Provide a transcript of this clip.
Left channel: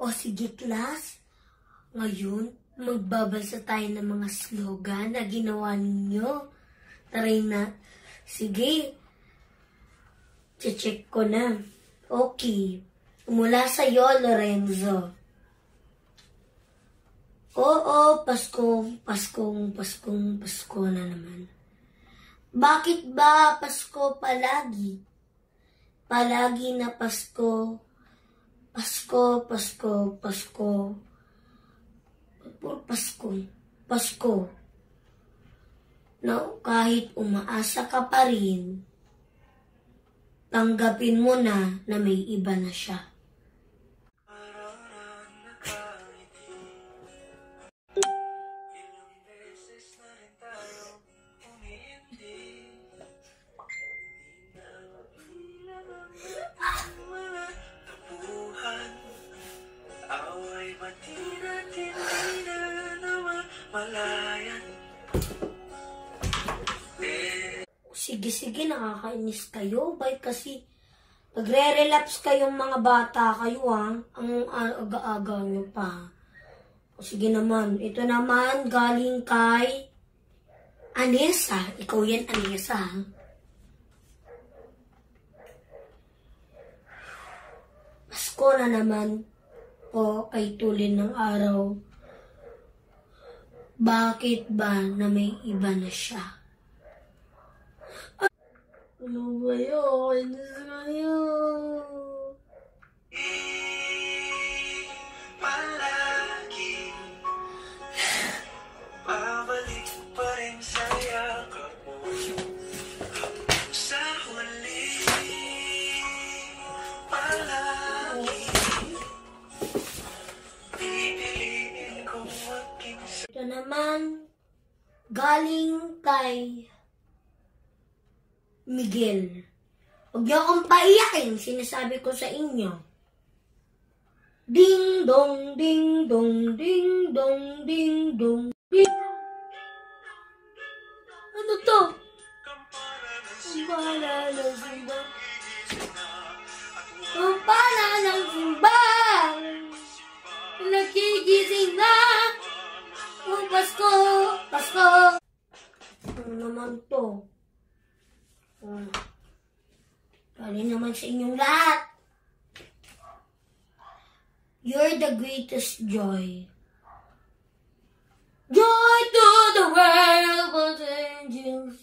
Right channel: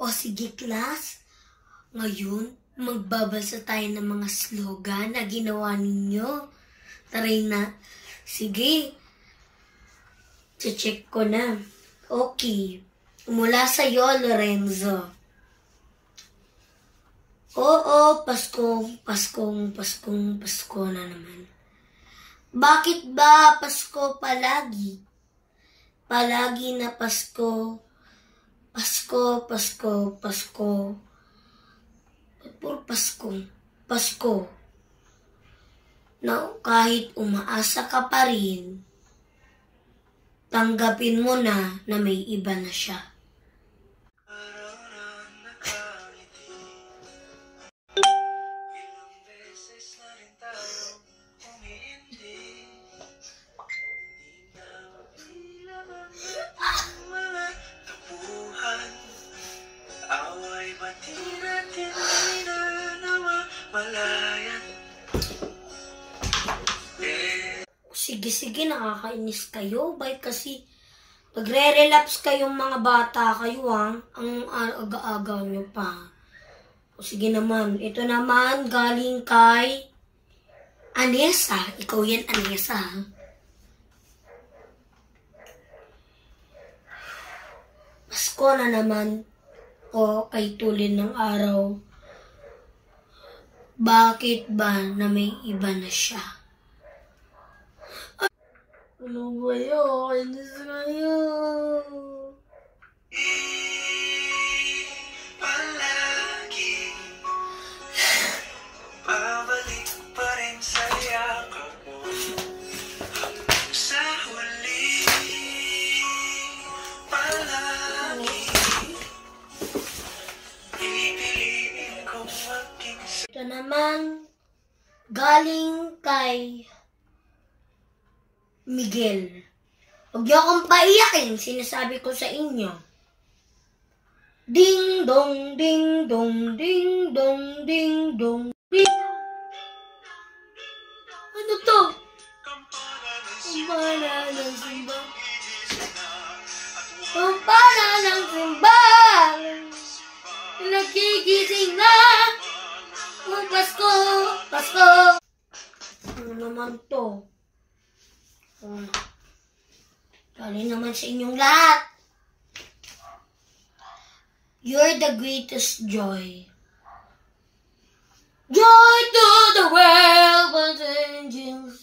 O sige class, ngayon magbabasa tayo ng mga slogan na ginawa ninyo. Taray na. Sige. Check ko na. Okay. Mula sa iyo, Lorenzo. Oo, Pasko na naman. Bakit ba Pasko palagi? Palagi na Pasko. Pasko. Na kahit umaasa ka pa rin, tanggapin mo na may iba na siya. Sige, nakakainis kayo. Bakit kasi nagre-relapse kayong mga bata kayo, ha? Ang aga-aga nyo pa. O sige naman, ito naman galing kay Anessa. Ikaw yan, Anessa, ha? Pasko na naman o kay tulin ng araw. Bakit ba na may iba na siya? Ano ba yun? Palagi pabalik pa rin sa yakap mo. Sa huli palagi pipiliin kong maging. Ito naman galing kay Miguel. Huwag niyo akong paiyakin, sinasabi ko sa inyo. Ding dong, ding dong, ding dong, ding dong, ding. Ano to? Kampana ng simba. Kampana ng simba. Nagigising na. Oh, Pasko. Ano naman to? Galing naman sa inyong lahat. You're the greatest joy. Joy to the world, but angels